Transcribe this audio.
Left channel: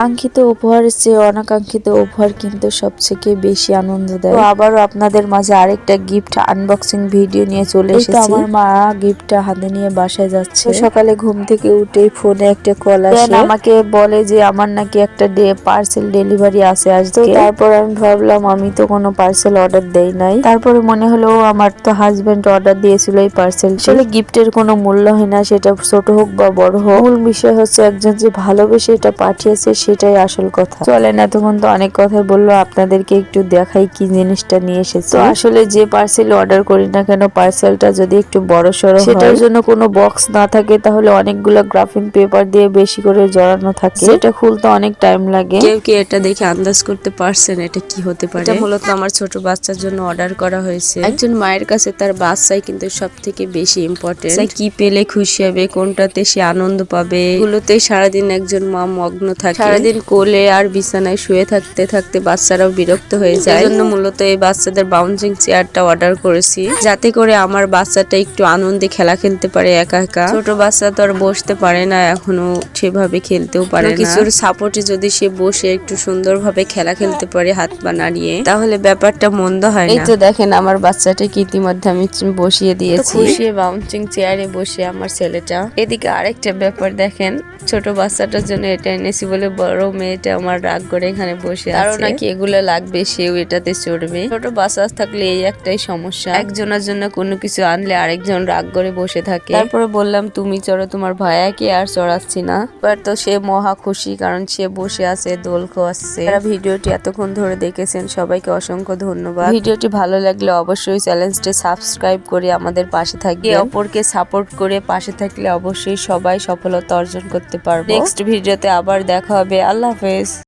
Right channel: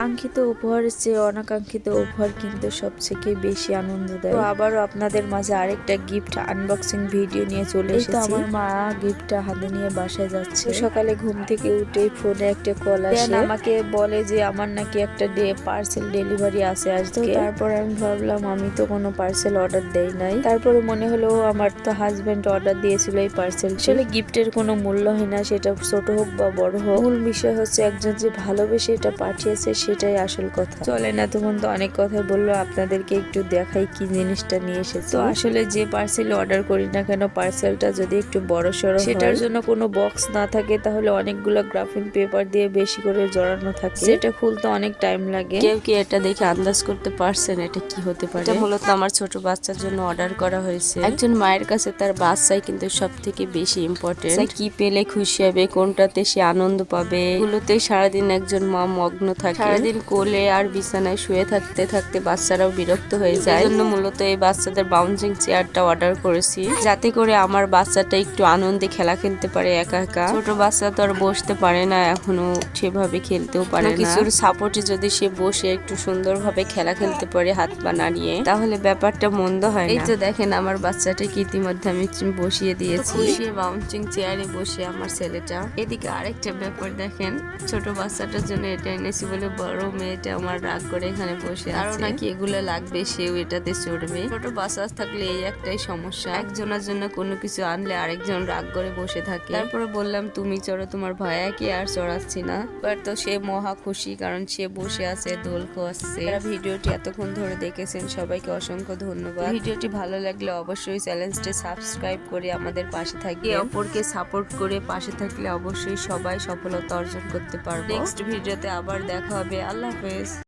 কাঙ্ক্ষিত উপহারের চেয়ে অনাকাঙ্ক্ষিত উপহার কিন্তু সবথেকে বেশি আনন্দ দেয়। তো আবারও আপনাদের মাঝে আরেকটা গিফট আনবক্সিং ভিডিও নিয়ে চলে এসেছি। আমার মা গিফটটা হাতে নিয়ে বাসায় যাচ্ছে। সকালে ঘুম থেকে উঠেই ফোনে একটা কল আসে, আমাকে বলে যে আমার নাকি একটা পার্সেল ডেলিভারি আছে আজকে। তারপর আমি ভাবলাম আমি তো কোনো পার্সেল অর্ডার দেই নাই। তারপরে মনে হলো আমার তো হাজবেন্ড অর্ডার দিয়েছিল এই পার্সেল। আসলে গিফটের কোনো মূল্য হয় না, সেটা ছোট হোক বা বড় হোক। মূল বিষয় হচ্ছে একজন যে ভালোবেসে এটা পাঠিয়েছে সেটাই আসল কথা। চলেন, এতক্ষণ তো অনেক কথাই বললো, আপনাদেরকে একটু দেখাই কি জিনিসটা নিয়ে এসেছে। আসলে যে পার্সেল অর্ডার করি না কেন, পার্সেলটা যদি একটু বড় সড়ো হয়, সেটার জন্য কোনো বক্স না থাকে, তাহলে অনেকগুলো গ্রাফিং পেপার দিয়ে বেশি করে জড়ানো থাকে, সেটা খুলতে অনেক টাইম লাগে। কেউ কি এটা দেখে আন্দাজ করতে পারছেন এটা কি হতে পারে? এটা মূলত আমার ছোট বাচ্চার জন্য অর্ডার করা হয়েছে। একজন মায়ের কাছে তার বাচ্চাই কিন্তু সব থেকে বেশি ইম্পর্টেন্ট। কি পেলে খুশি হবে, কোনটাতে সে আনন্দ পাবে, এগুলোতে সারাদিন একজন মা মগ্ন থাকে। সারাদিন কোলে আর বিছানায় শুয়ে থাকতে থাকতে বাচ্চারাও বিরক্ত হয়ে যায়। এজন্য মূলত এই বাচ্চাদের বাউন্সিং চেয়ারটা অর্ডার করেছি, যাতে করে আমার বাচ্চাটা একটু আনন্দে খেলা খেলতে পারে একা একা। ছোট বাচ্চা তো আর বসতে পারে না, এখনো সেভাবে খেলতেও পারে না। কিছুর সাপোর্টে যদি সে বসে একটু সুন্দরভাবে খেলা খেলতে পারে হাত পা নাড়িয়ে, তাহলে ব্যাপারটা মন্দ হয় না। এই তো দেখেন আমার বাচ্চাটাকে ইতিমধ্যে আমি বসিয়ে দিয়েছি। বসিয়ে বাউন্সিং চেয়ারে বসে আমার ছেলেটা। এদিকে আরেকটা ব্যাপার দেখেন, ছোট বাচ্চাটার জন্য এটা এনেছি বলে বড় মেয়েটা আমার রাগ করে এখানে বসে আছে। কারণ নাকি এগুলো লাগবে, সেও এটাতে চড়বে। ছোট বাচ্চা থাকলে এই একটাই সমস্যা, একজনের জন্য কোনো কিছু আনলে আরেকজন রাগ করে বসে থাকে। তারপরে বললাম তুমি চড়ো, তোমার ভাইয়াকে আর চড়াচ্ছি না। এবার তো সে মহা খুশি, কারণ সে বসে আছে, দোল খাওয়াচ্ছে। যারা ভিডিওটি এতক্ষণ ধরে দেখেছেন সবাইকে অসংখ্য ধন্যবাদ। ভিডিওটি ভালো লাগলে অবশ্যই চ্যানেলটি সাবস্ক্রাইব করে আমাদের পাশে থাকবে। অপরকে সাপোর্ট করে পাশে থাকলে অবশ্যই সবাই সফলতা অর্জন করতে পারবে। নেক্সট ভিডিওতে আবার দেখা হবে। আল্লাহ হাফেজ।